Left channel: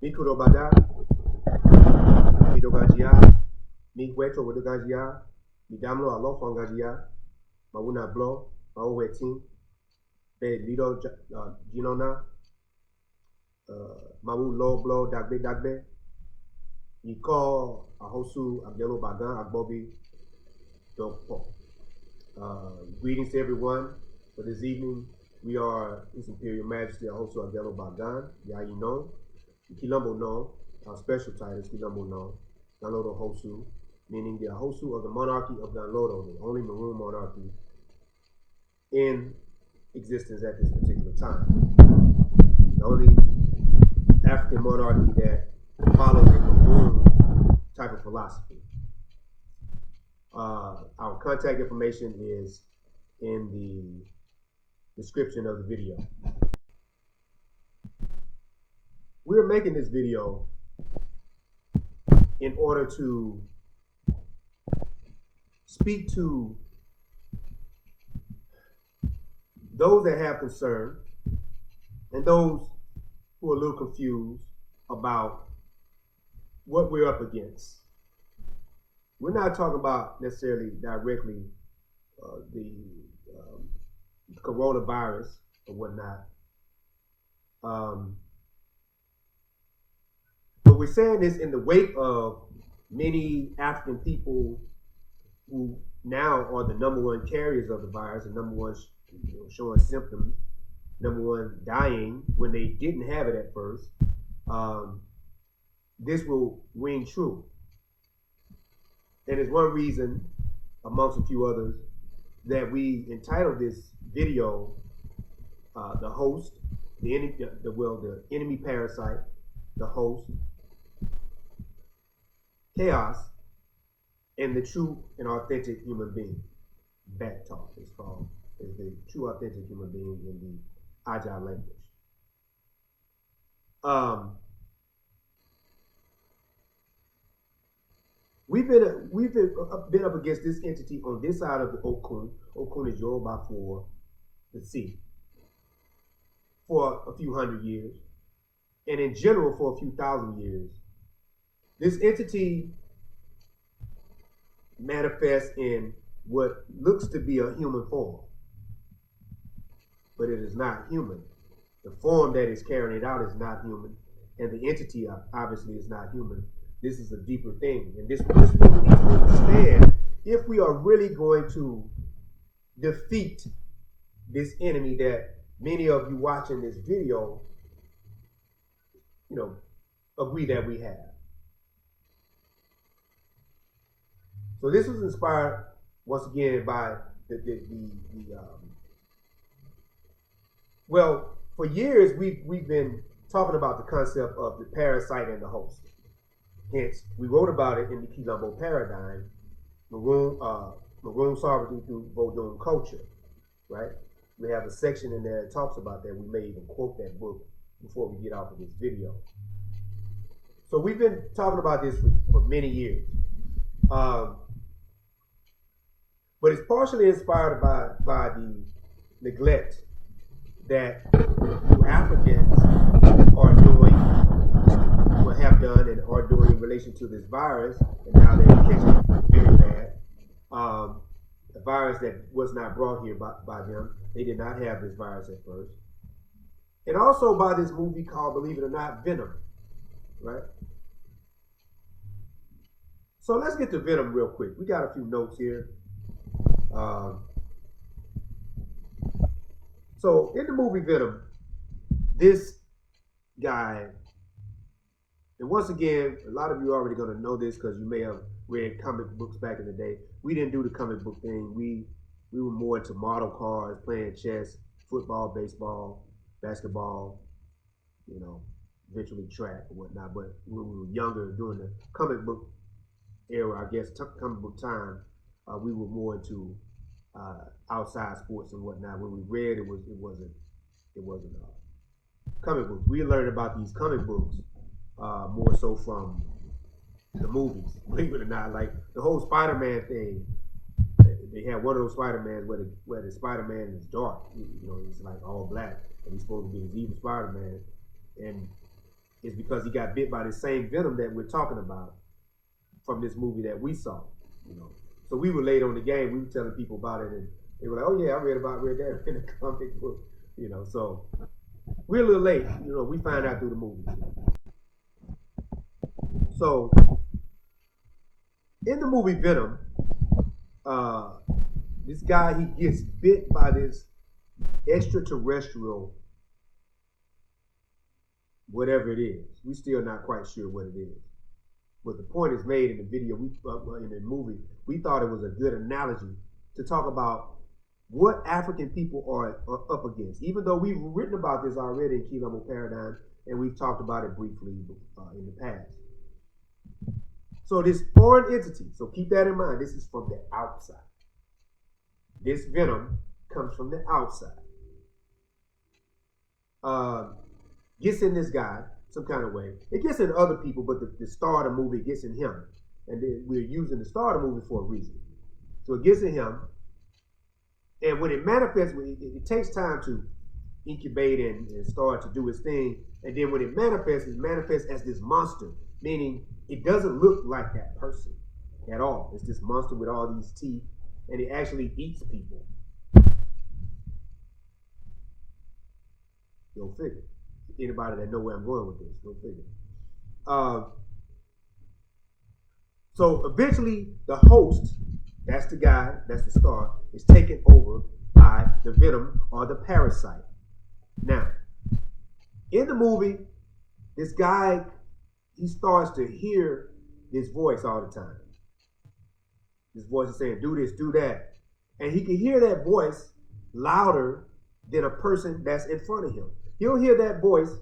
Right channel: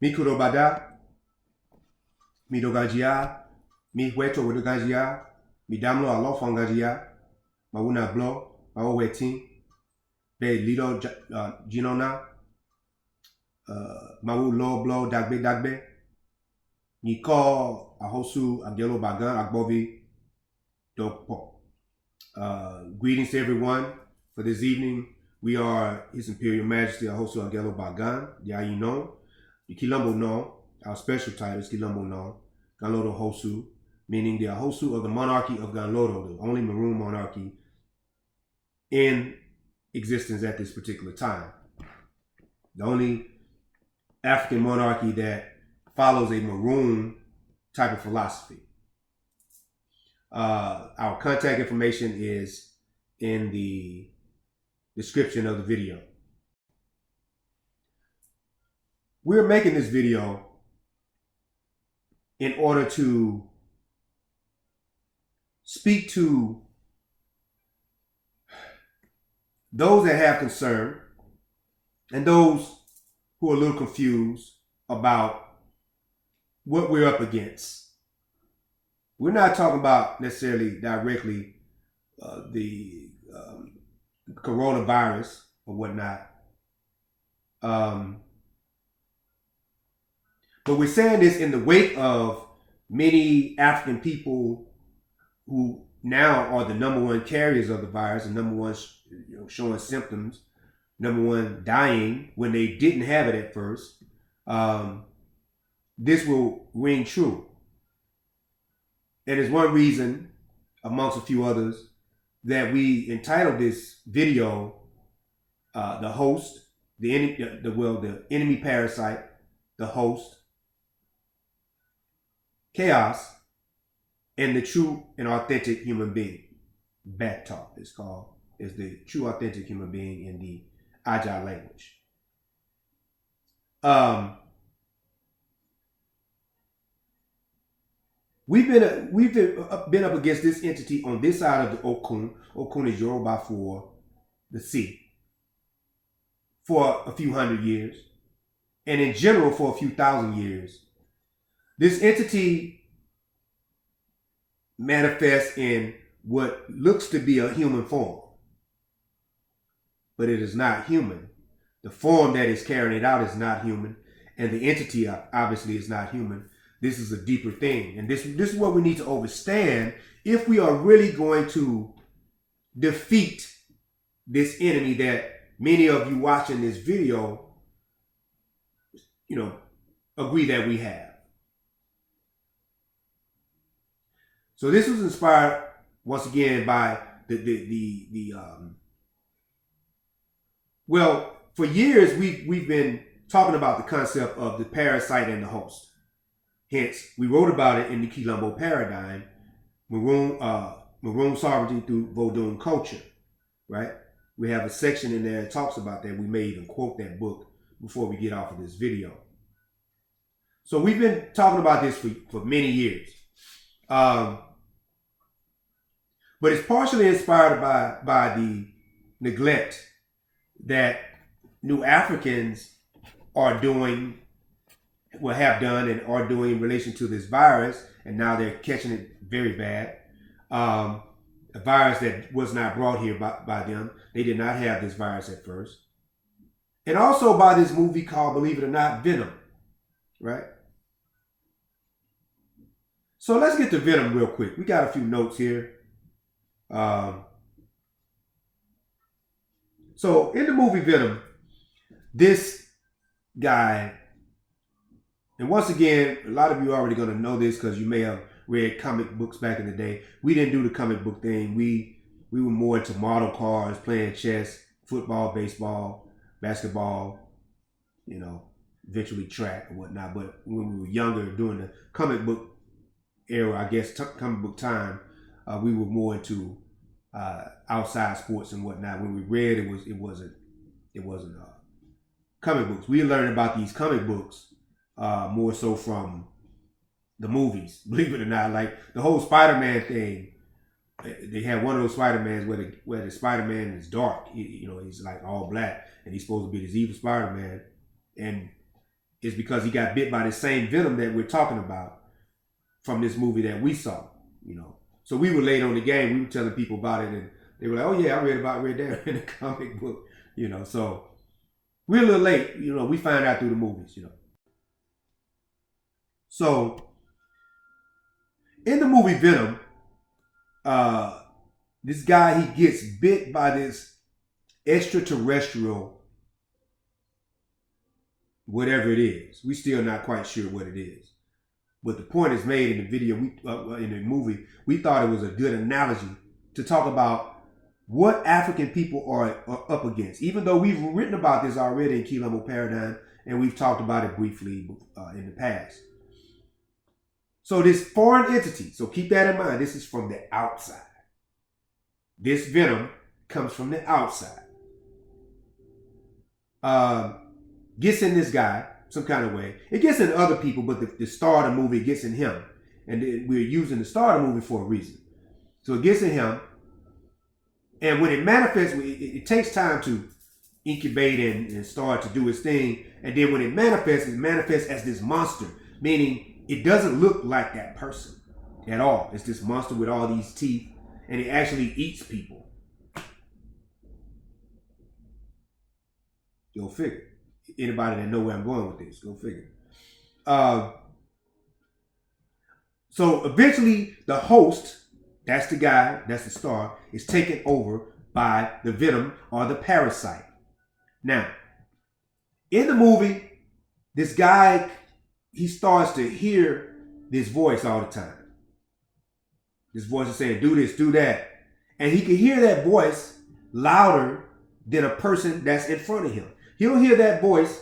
Mi kurobada, mi dogajia, mi hueto wedogajia, mi damlo alofangajia, mawuna blo, mawo wetin, be lido jinona, mawu lo blo dagbe, ni ko Axosu Agelogbagan Agbovi. Greetings to everyone for this evening. We are His Imperial Majesty Axosu Agelogbagan, Yayino, Kilombonon. Our special title is Kilombonon Axosu, meaning the Axosu of the monarchy of Ganlodo, the only maroon monarchy in existence at this particular time. The only African monarchy that follows a maroon type of philosophy. Our contact information is in the description of the video. We're making this video in order to speak to those that have concern and those who are a little confused about what we're up against. We're not talking about necessarily directly the coronavirus or whatnot. But we're saying this in the wake of many African people who now are the number one carriers of the virus, and number one showing symptoms, number one dying when they didn't have it at first. This will ring true. And it's one reason, amongst a few others, that we entitled this video, the host, the Enemy-Parasite, the host, chaos, and the true and authentic human being. Bat talk is called, is the true authentic human being in the Agile language. We've been up against this entity on this side of the Okun. Okun is Yoruba for the sea, for a few hundred years, and in general for a few thousand years. This entity manifests in what looks to be a human form, but it is not human. The form that is carrying it out is not human, and the entity obviously is not human. This is a deeper thing, and this is what we need to understand if we are really going to defeat this enemy that many of you watching this video, agree that we have. So this was inspired once again by well, for years we've been talking about the concept of the parasite and the host. Hence, we wrote about it in the Kilombo paradigm, maroon sovereignty through Vodun culture, right? We have a section in there that talks about that. We may even quote that book before we get off of this video. So we've been talking about this for many years. But it's partially inspired by the neglect that New Africans are doing, or have done and are doing in relation to this virus, and now they're catching it very bad. A virus that was not brought here by them. They did not have this virus at first. And also by this movie called, believe it or not, Venom, right? So let's get to Venom real quick. We got a few notes here. So in the movie Venom, this guy, and once again, a lot of you are already going to know this because you may have read comic books back in the day. We didn't do the comic book thing. We were more into model cars, playing chess, football, baseball, basketball, eventually track or whatnot. But when we were younger, during the comic book era, I guess, comic book time, we were more into outside sports and whatnot. When we read, it wasn't comic books. We learned about these comic books more so from the movies, believe it or not. Like the whole Spider-Man thing, they had one of those Spider-Mans where the Spider-Man is dark. He's like all black, and he's supposed to be this evil Spider-Man. And is because he got bit by the same venom that we're talking about from this movie that we saw, you know. So we were late on the game. We were telling people about it, and they were like, "Oh yeah, I read that in the comic book," you know. So we're a little late, you know. We find out through the movies, you know. So in the movie Venom, this guy, he gets bit by this extraterrestrial, whatever it is. We still not quite sure what it is. But the point is made in the video, in the movie, we thought it was a good analogy to talk about what African people are up against. Even though we've written about this already in Kilombo Paradigm, and we've talked about it briefly in the past. So this foreign entity, so keep that in mind, this is from the outside. This venom comes from the outside. Gets in this guy some kind of way. It gets in other people, but the star of the movie gets in him. And we're using the star of the movie for a reason. So it gets in him. And when it manifests, it takes time to incubate and start to do its thing. And then when it manifests as this monster, meaning it doesn't look like that person at all. It's this monster with all these teeth, and it actually eats people. Go figure. Anybody that know where I'm going with this, go figure. So eventually the host, that's the guy, that's the star, is taken over by the venom or the parasite. Now, in the movie, this guy, he starts to hear this voice all the time. This voice is saying, do this, do that. And he can hear that voice louder than a person that's in front of him. He'll hear that voice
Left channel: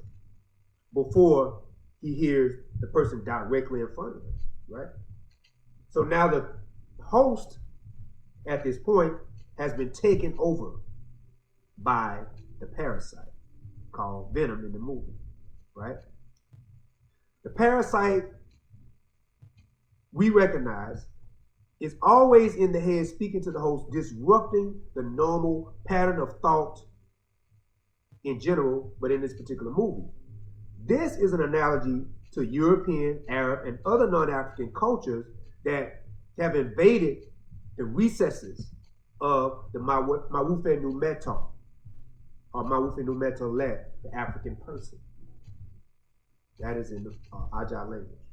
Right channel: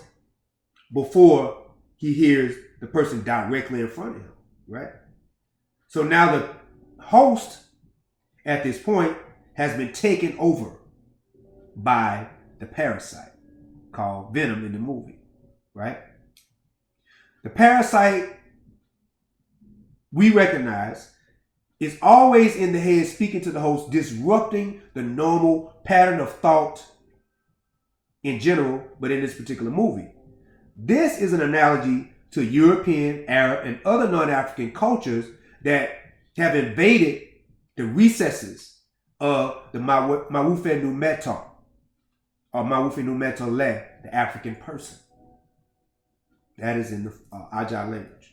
before he hears the person directly in front of him, right? So now the host at this point has been taken over by the parasite called Venom in the movie, right? The parasite, we recognize, is always in the head speaking to the host, disrupting the normal pattern of thought in general, but in this particular movie. This is an analogy to European, Arab, and other non-African cultures that have invaded the recesses of the Mawufe Numeto, or Mawufe Numetole, the African person. That is in the Ajah language.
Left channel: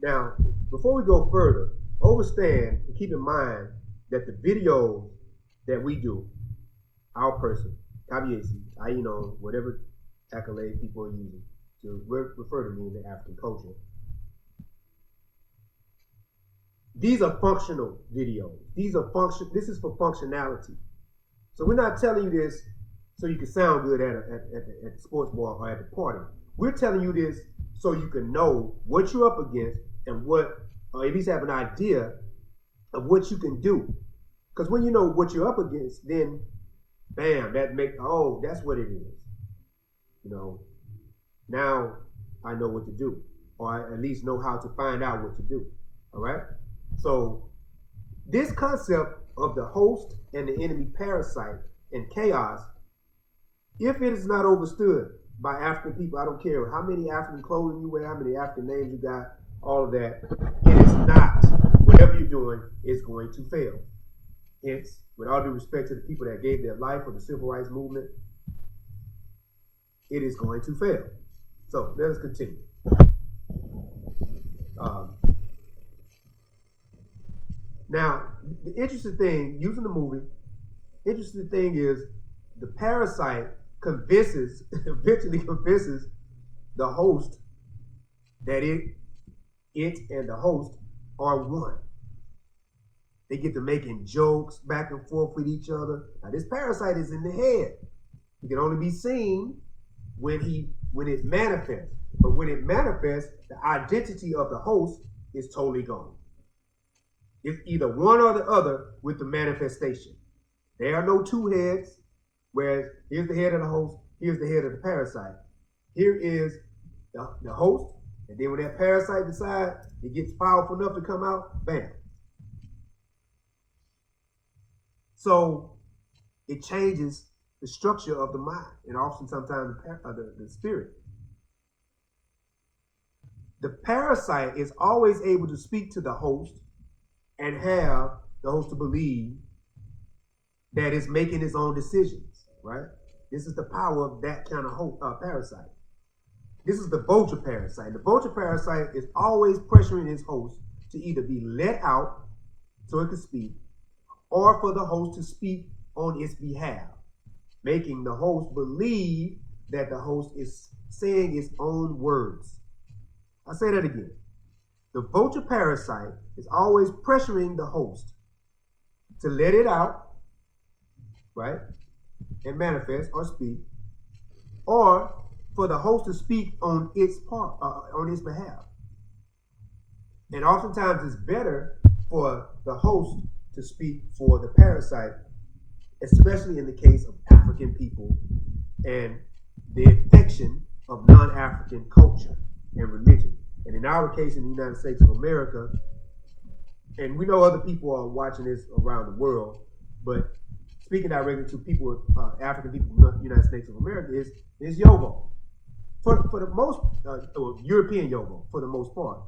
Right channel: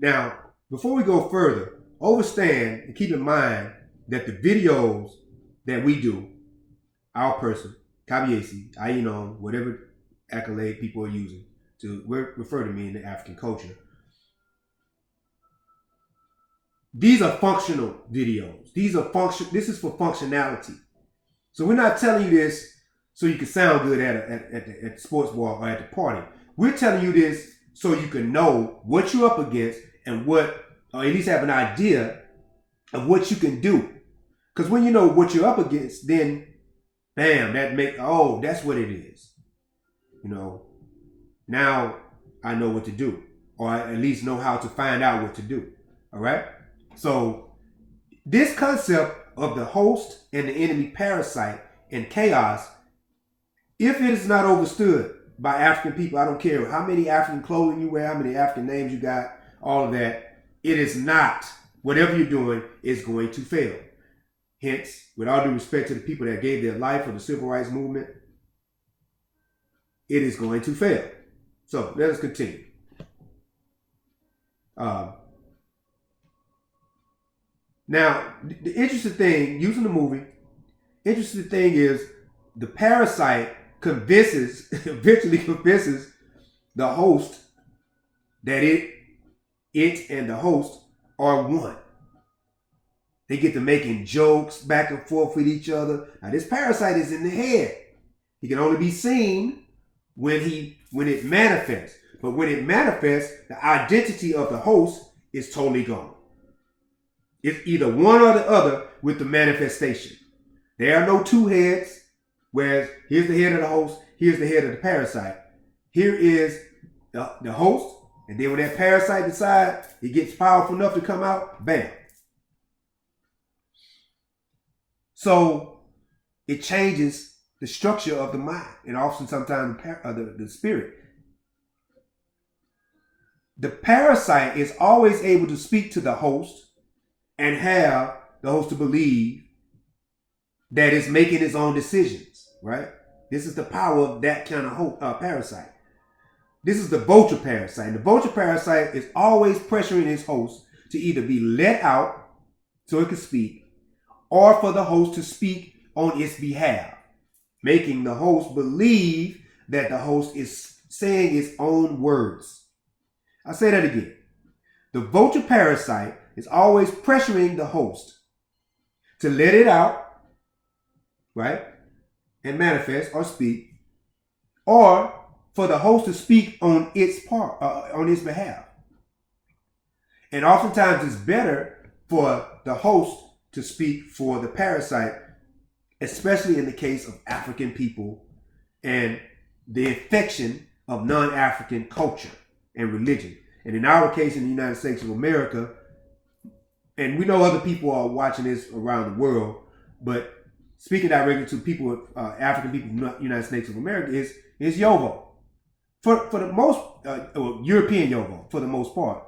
Now, before we go further, overstand and keep in mind that the videos that we do, our person, Kabiesi, Ainon, whatever accolade people are using to refer to me in the African culture, these are functional videos. This is for functionality. So we're not telling you this so you can sound good at the sports bar or at the party. We're telling you this so you can know what you're up against and or at least have an idea of what you can do. Because when you know what you're up against, then bam, that's what it is. You know, now I know what to do, or I at least know how to find out what to do. All right. So this concept of the host and the enemy parasite and chaos, if it is not understood by African people, I don't care how many African clothing you wear, how many African names you got, all of that, it is not, whatever you're doing is going to fail. Hence, with all due respect to the people that gave their life for the civil rights movement, it is going to fail. So let us continue. Now, the interesting thing, using the movie, interesting thing is the parasite eventually convinces the host that it and the host are one. They get to making jokes back and forth with each other. Now this parasite is in the head. He can only be seen when it manifests. But when it manifests, the identity of the host is totally gone. It's either one or the other with the manifestation. There are no two heads, whereas here's the head of the host, here's the head of the parasite. Here is the host, and then when that parasite decides it gets powerful enough to come out, bam. So it changes the structure of the mind, and often sometimes the spirit. The parasite is always able to speak to the host and have the host to believe that it's making its own decisions, right? This is the power of that kind of parasite. This is the vulture parasite. And the vulture parasite is always pressuring its host to either be let out so it can speak, or for the host to speak on its behalf, making the host believe that the host is saying its own words. I'll say that again. The vulture parasite is always pressuring the host to let it out, right, and manifest or speak, or for the host to speak on its on its behalf. And oftentimes it's better for the host to speak for the parasite, especially in the case of African people and the infection of non-African culture and religion. And in our case, in the United States of America, and we know other people are watching this around the world, but speaking directly to people, African people in the United States of America, is Yovo. For the most, European Yovo, for the most part.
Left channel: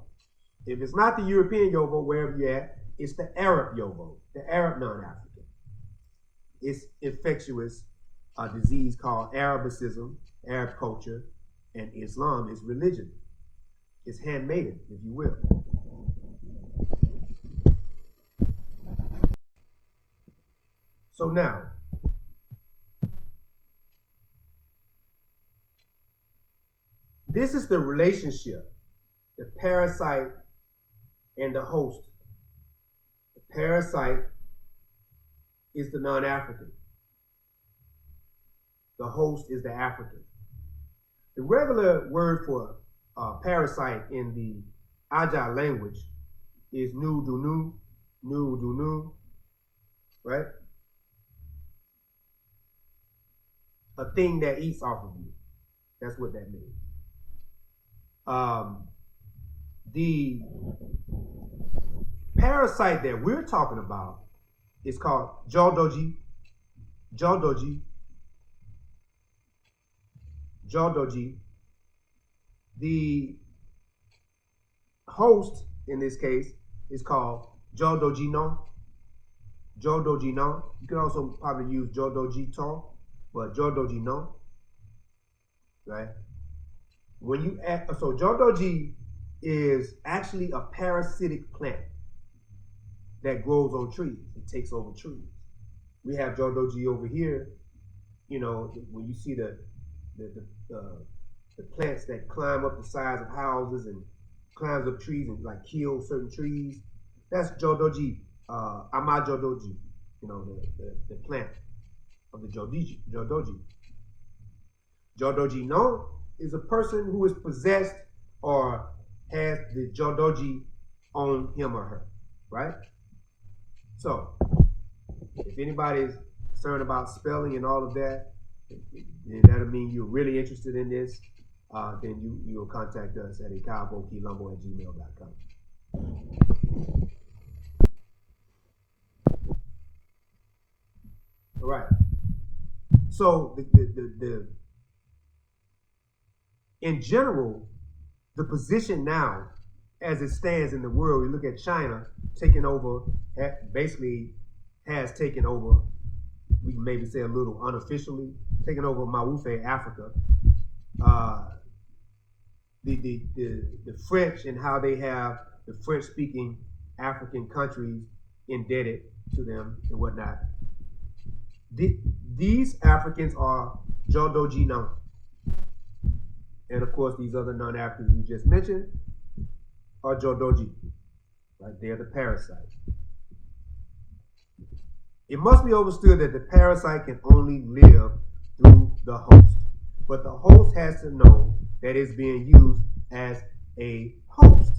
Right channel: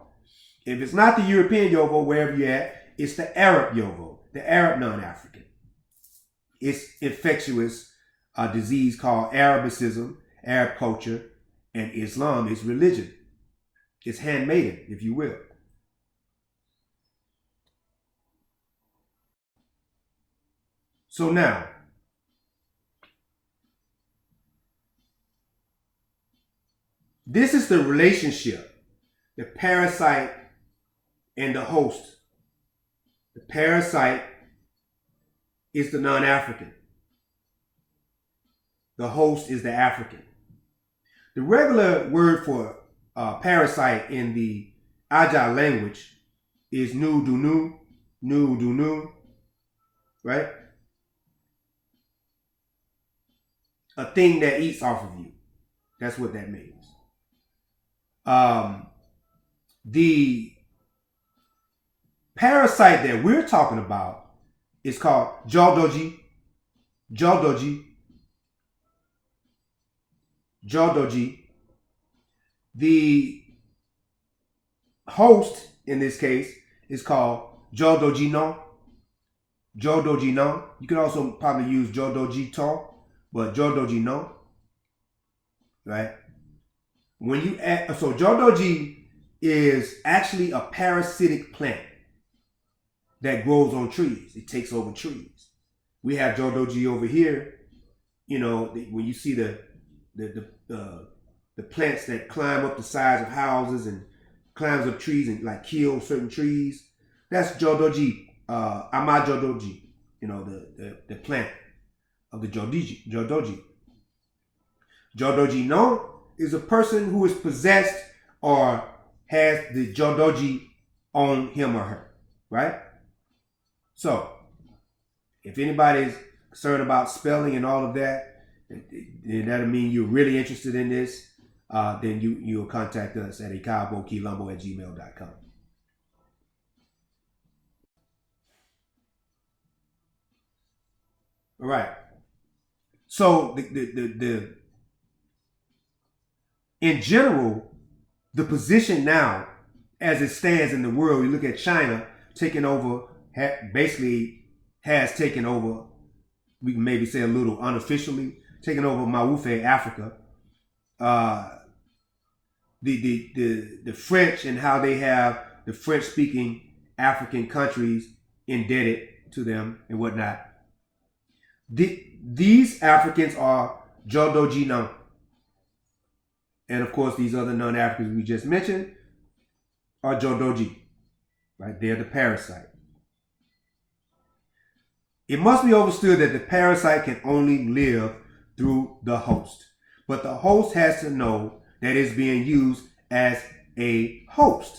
If it's not the European Yovo, wherever you're at, it's the Arab Yovo, the Arab non-African. It's infectious disease called Arabicism, Arab culture, and Islam is religion. It's handmaiden, if you will. So now, this is the relationship, the parasite and the host. The parasite is the non-African. The host is the African. The regular word for parasite in the Aja language is nu-du-nu, right? A thing that eats off of you. That's what that means. The parasite that we're talking about is called jodoji. The host in this case is called jodojino. You could also probably use jodojito, but jodojino, right? When you add, so jodoji is actually a parasitic plant that grows on trees. It takes over trees. We have jodoji over here. You know, when you see the plants that climb up the sides of houses and climbs up trees and like kill certain trees, that's jodoji, ama jodoji. You know, the plant of the jodoji. Jodoji no is a person who is possessed or has the jodoji on him or her, right? So, if anybody's concerned about spelling and all of that, that'll mean you're really interested in this. Then you'll contact us at ekaabokilombo@gmail.com. All right. So in general, the position now, as it stands in the world, we look at China taking over, basically has taken over, we can maybe say a little unofficially, taking over Mawufe, Africa. The French and how they have the French-speaking African countries indebted to them and whatnot. These Africans are Jodoji now. And of course, these other non-Africans we just mentioned are Jodoji, right? They're the parasite. It must be understood that the parasite can only live through the host. But the host has to know that it's being used as a host.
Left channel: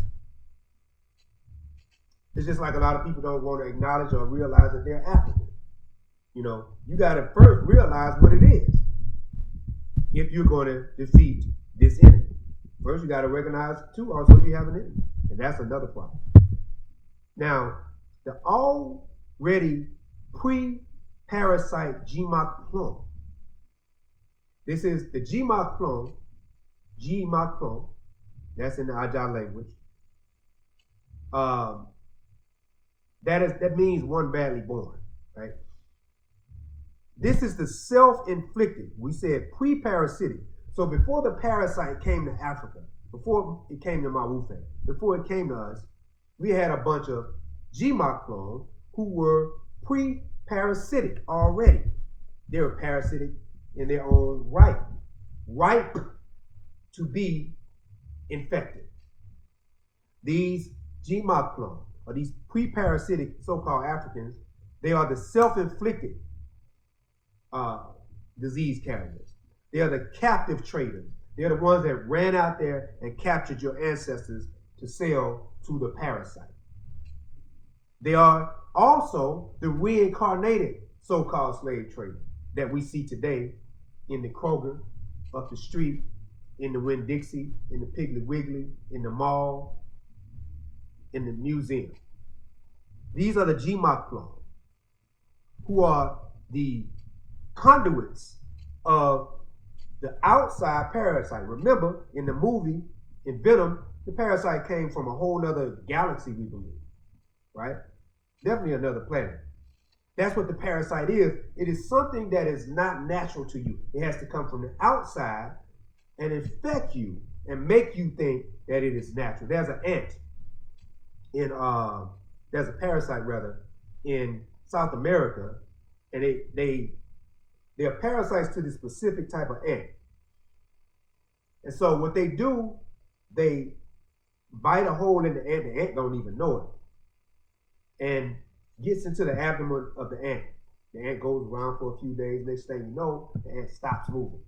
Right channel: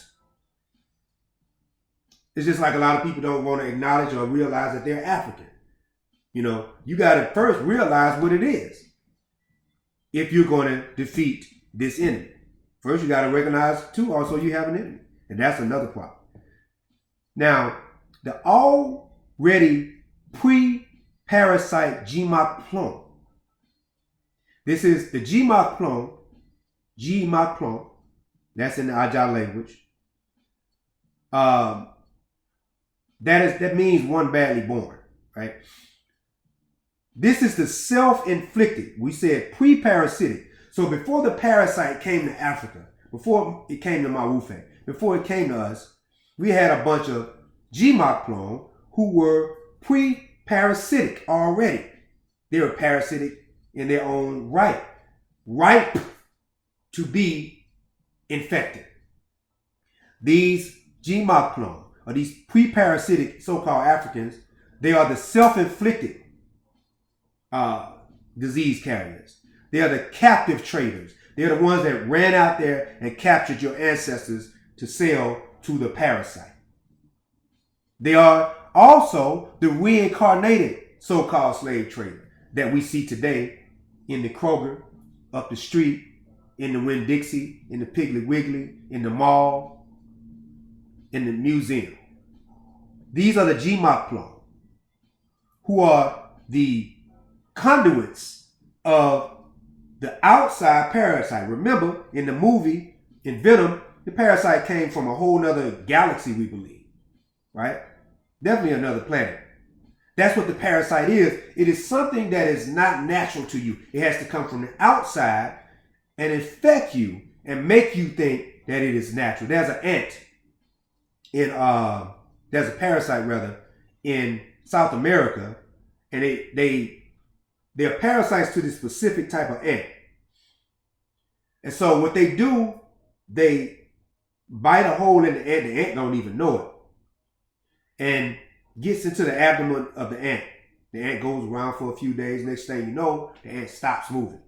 It's just like a lot of people don't want to acknowledge or realize that they're African. You know, you got to first realize what it is if you're going to defeat this enemy. First, you got to recognize, too, also you have an enemy. And that's another problem. Now, the already pre-parasite Jima Plum This is the Gmaplon. Gmaplon. That's in the Ajah language. That means one badly born, right? This is the self-inflicted. We said pre-parasitic. So before the parasite came to Africa, before it came to Mawufe, before it came to us, we had a bunch of Gmaplon who were pre-parasitic already. They were parasitic in their own right, ripe to be infected. These Gmaplon, or these pre-parasitic so-called Africans, they are the self-inflicted disease carriers. They are the captive traders. They are the ones that ran out there and captured your ancestors to sell to the parasite. They are also the reincarnated so-called slave trader that we see today in the Kroger, up the street, in the Winn-Dixie, in the Piggly Wiggly, in the mall, in the museum. These are the Gmaplon, who are the conduits of the outside parasite. Remember, in the movie, in Venom, the parasite came from a whole other galaxy, we believe, right? Definitely another planet. That's what the parasite is. It is something that is not natural to you. It has to come from the outside and infect you and make you think that it is natural. There's an ant there's a parasite rather in South America, and they're parasites to this specific type of ant. And so what they do, they bite a hole in the ant don't even know it, and gets into the abdomen of the ant. The ant goes around for a few days. Next thing you know, the ant stops moving.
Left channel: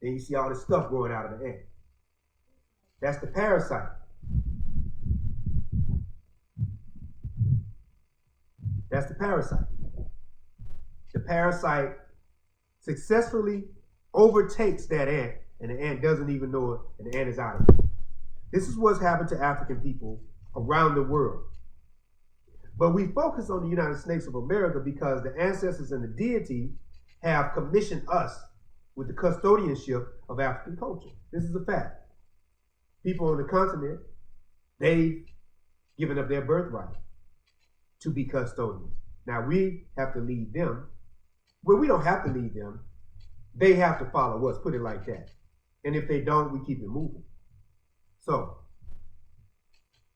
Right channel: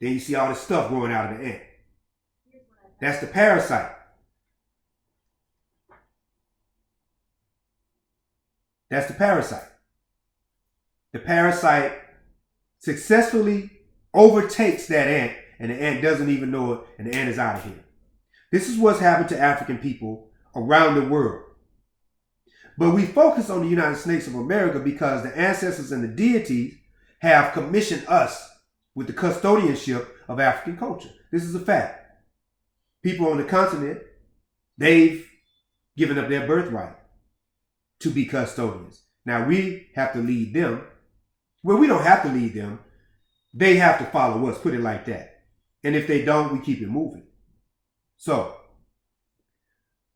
Then you see all this stuff growing out of the ant. That's the parasite. That's the parasite. The parasite successfully overtakes that ant, and the ant doesn't even know it, and the ant is out of here. This is what's happened to African people around the world. But we focus on the United States of America because the ancestors and the deities have commissioned us with the custodianship of African culture. This is a fact. People on the continent, they've given up their birthright to be custodians. Now we have to lead them. Well, we don't have to lead them. They have to follow us, put it like that. And if they don't, we keep it moving. So,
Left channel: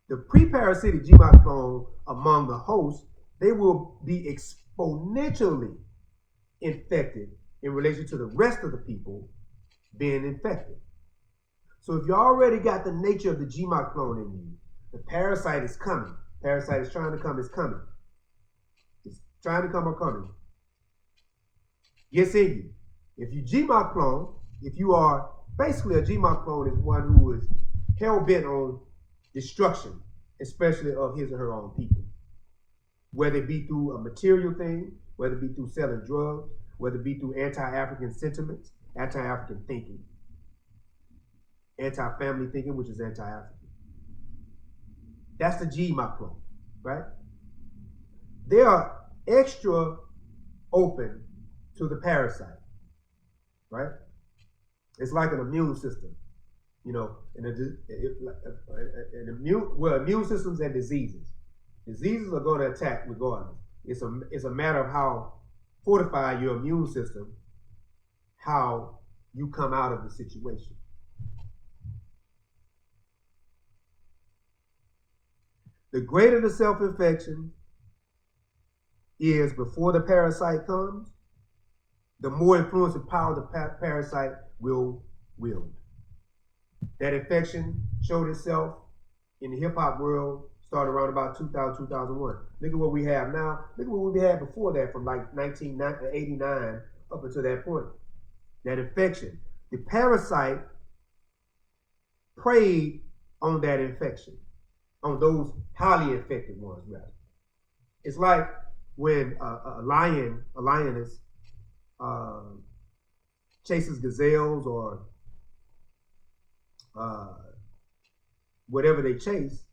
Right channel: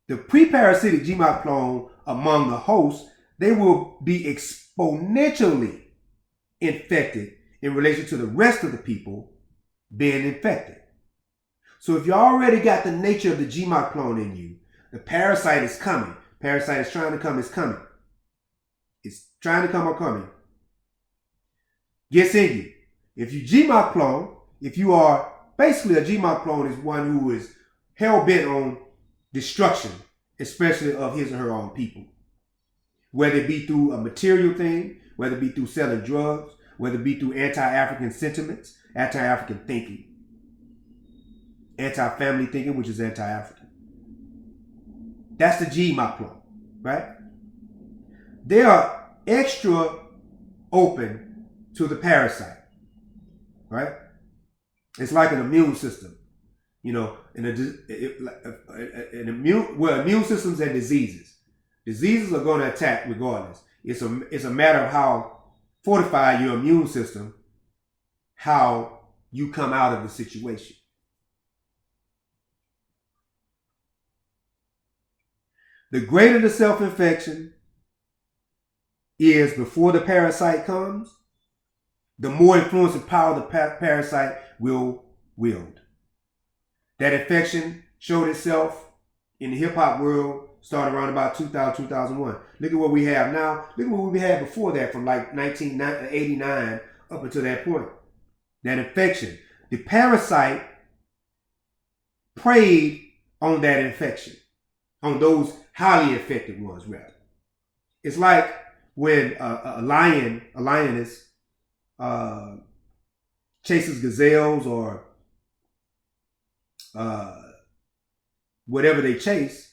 the pre-parasitic Gmaplon among the hosts, they will be exponentially infected in relation to the rest of the people being infected. So if you already got the nature of the Gmaplon in you, the parasite is coming. Parasite is trying to come, it's coming. It's trying to come or coming. Gets in you. If you Gmaplon, if you are basically a Gmaplon is one who is hell-bent on destruction, especially of his or her own people. Whether it be through a material thing, whether it be through selling drugs, whether it be through anti-African sentiments, anti-African thinking, anti-family thinking, which is anti-African. That's the Gmaplon, right? They are extra open to the parasite, right? It's like an immune system, you know, immune systems and diseases. Diseases are going to attack regardless. It's a matter of how fortified your immune system, how you come out of the situation. The greater the self-infection is before the parasite comes, the more influence and power the parasite will wield. That infection showed itself in the hip-hop world started around about 2000, 2001. Look at what we have now. Look at what we had before that, from like 1989 up until that point. That infection. The parasite preyed on that infection, on those highly infected ones, rather. It's like when a lioness chases gazelles or whatever they chase,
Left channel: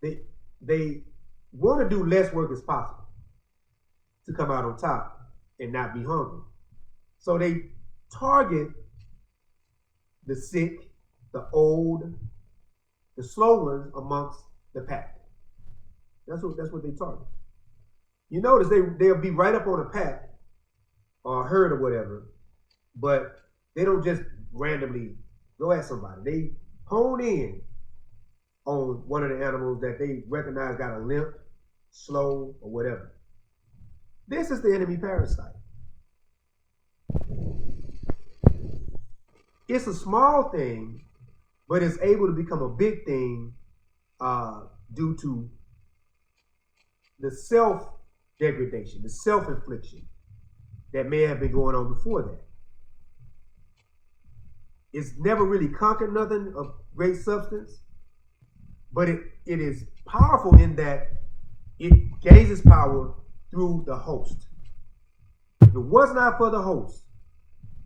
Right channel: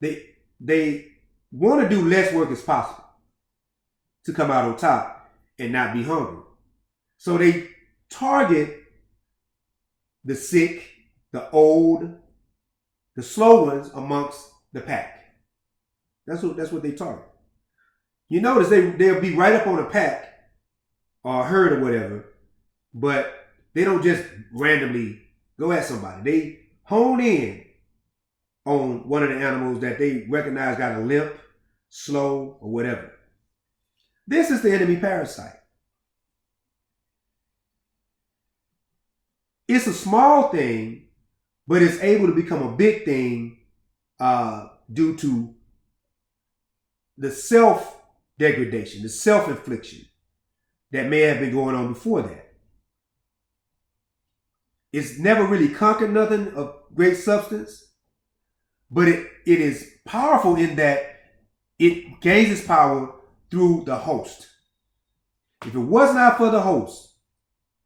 they want to do less work as possible to come out on top and not be hungry. So they target the sick, the old, the slow ones amongst the pack. That's what they target. You notice they'll be right up on a pack or a herd or whatever, but they don't just randomly go at somebody. They hone in on one of the animals that they recognize got a limp, slow, or whatever. This is the enemy parasite. It's a small thing, but it's able to become a big thing due to the self-degradation, the self-infliction that may have been going on before that. It's never really conquered nothing of great substance, but it is powerful in that it gains its power through the host. If it was not for the host,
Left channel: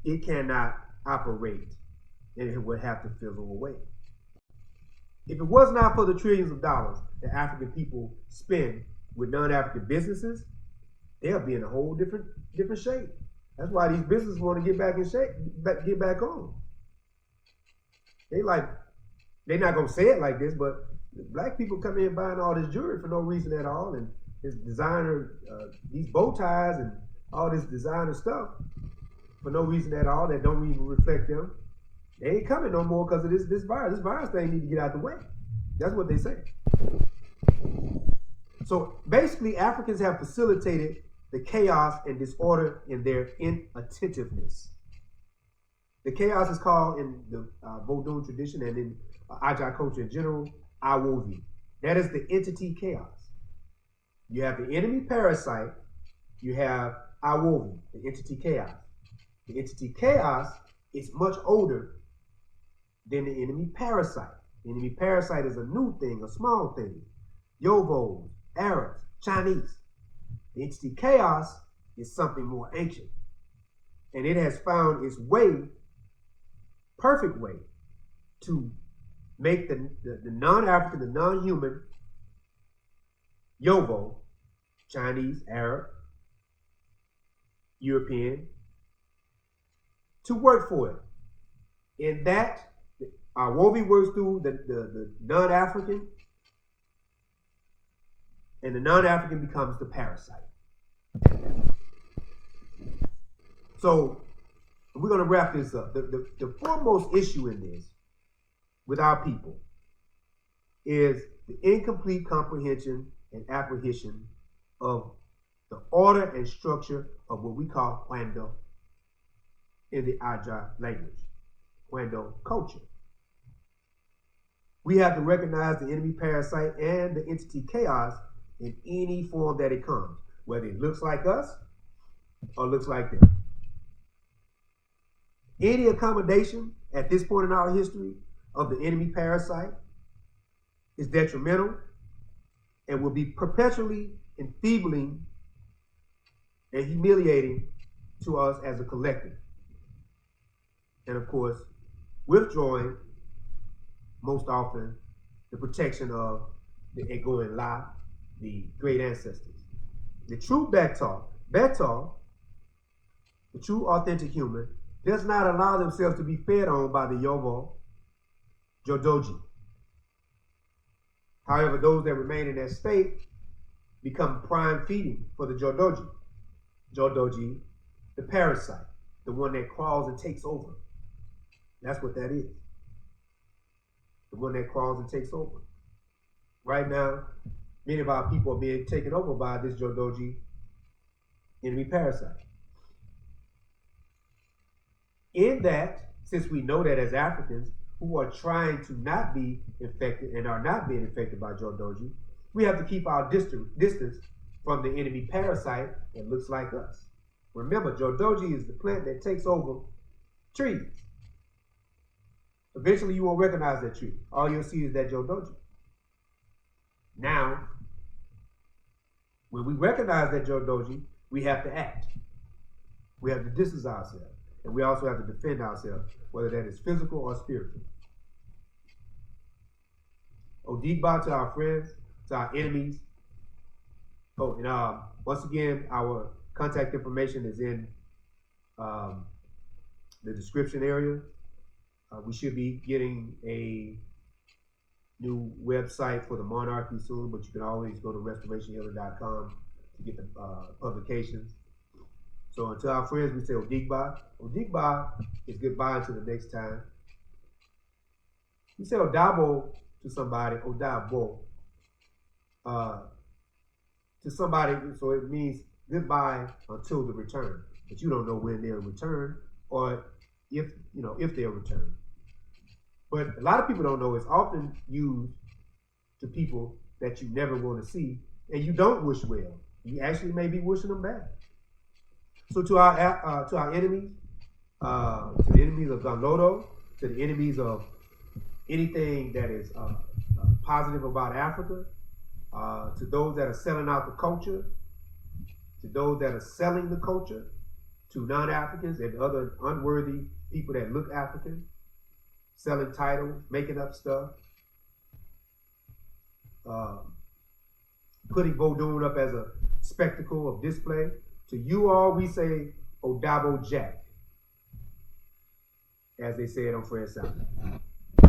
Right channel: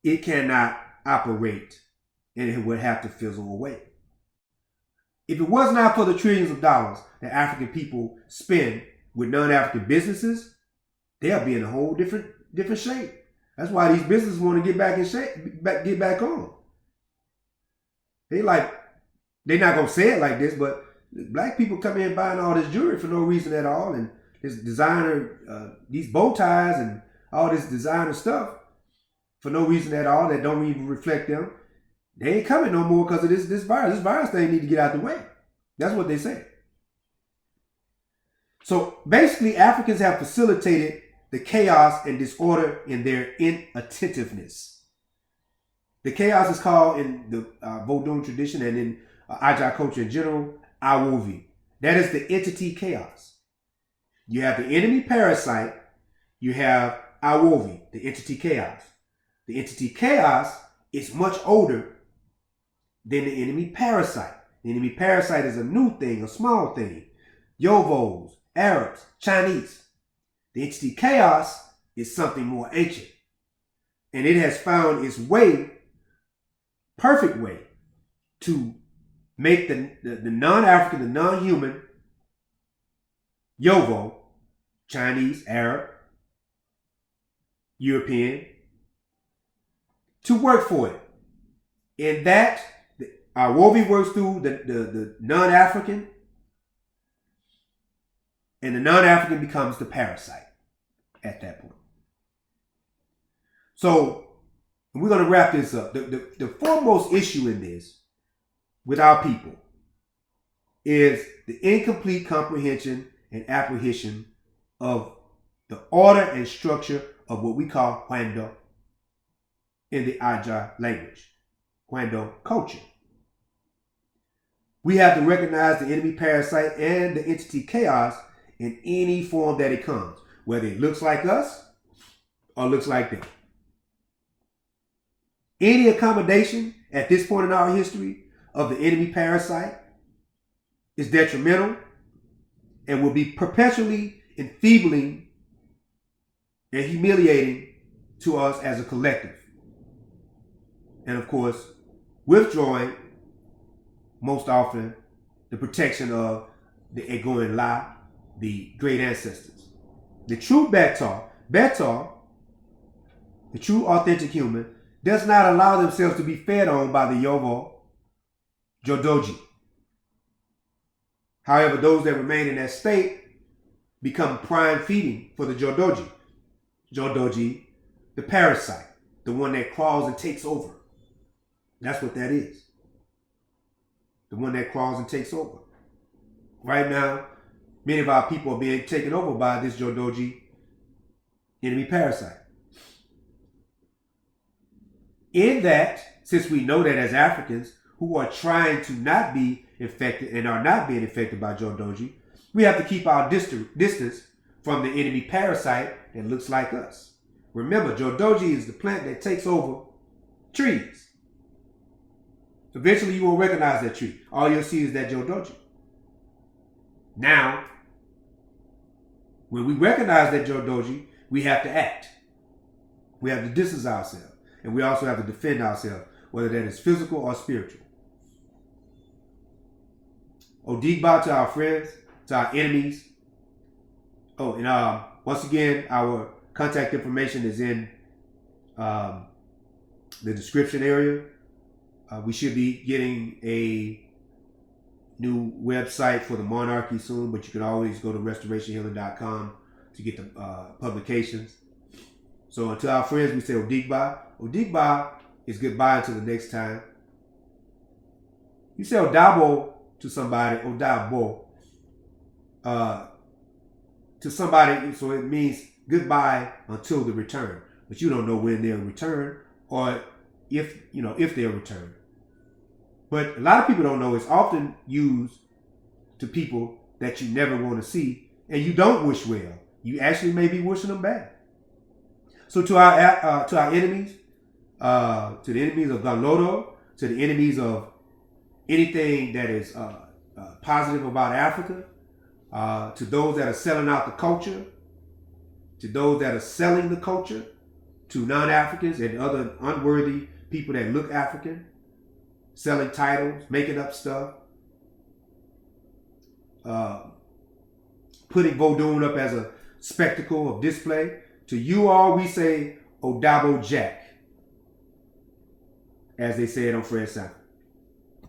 it cannot operate and it would have to fizzle away. If it was not for the trillions of dollars that African people spend with non-African businesses, they'll be in a whole different shape. That's why these businesses want to get back in shape, get back on. They're not gonna say it like this, but black people come in buying all this jewelry for no reason at all, and this designer, these bow ties and all this designer stuff for no reason at all that don't even reflect them. They ain't coming no more because of this virus. This virus thing need to get out the way. That's what they say. So basically, Africans have facilitated the chaos and disorder in their inattentiveness. The chaos is called in the Vodun tradition and in Aja culture in general, Agbovi. That is the entity chaos. You have the enemy parasite. You have Agbovi, the entity chaos. The entity chaos is much older than the enemy parasite. The enemy parasite is a new thing, a small thing. Yovos, Arabs, Chinese. The entity chaos is something more ancient. And it has found its way, perfect way, to make the non-African, the non-human, Yovo, Chinese, Arab, European, to work for it. In that, Agbovi works through the non-African, and the non-African becomes the parasite at that point. So we're going to wrap this up. The foremost issue in this with our people is the incomplete comprehension and apprehension of the order and structure of what we call Hwando in the Aja language, Hwando culture. We have to recognize the enemy parasite and the entity chaos in any form that it comes, whether it looks like us or looks like them. Any accommodation at this point in our history of the enemy parasite is detrimental and will be perpetually enfeebling and humiliating to us as a collective. And of course, withdrawing most often the protection of the Egoin La, the great ancestors. The true Betar, the true authentic human, does not allow themselves to be fed on by the Yovo, Jodoji. However, those that remain in that state become prime feeding for the Jodoji. Jodoji, the parasite, the one that crawls and takes over. That's what that is. The one that crawls and takes over. Right now, many of our people are being taken over by this Jodoji enemy parasite. In that, since we know that as Africans who are trying to not be infected and are not being infected by Jodoji, we have to keep our distance from the enemy parasite that looks like us. Remember, Jodoji is the plant that takes over trees. Eventually, you won't recognize that tree. All you'll see is that Jodoji. Now, when we recognize that Jodoji, we have to act. We have to distance ourselves. And we also have to defend ourselves, whether that is physical or spiritual. Odigba to our friends, to our enemies. Oh, and once again, our contact information is in the description area. We should be getting a new website for the monarchy soon, but you can always go to restorationhealing.com to get the publications. So to our friends, we say Odigba. Odigba is goodbye until the next time. You say Odabo to somebody, Odabo, to somebody, so it means goodbye until the return. But you don't know when they'll return or if they'll return. But a lot of people don't know it's often used to people that you never want to see and you don't wish well. You actually may be wishing them bad. So to our enemies, to the enemies of Ganlodo, to the enemies of anything that is positive about Africa, to those that are selling out the culture, to those that are selling the culture, to non-Africans and other unworthy people that look African, selling titles, making up stuff, putting Vodun up as a spectacle of display. To you all, we say Odabo Jack, as they say it on Fred South.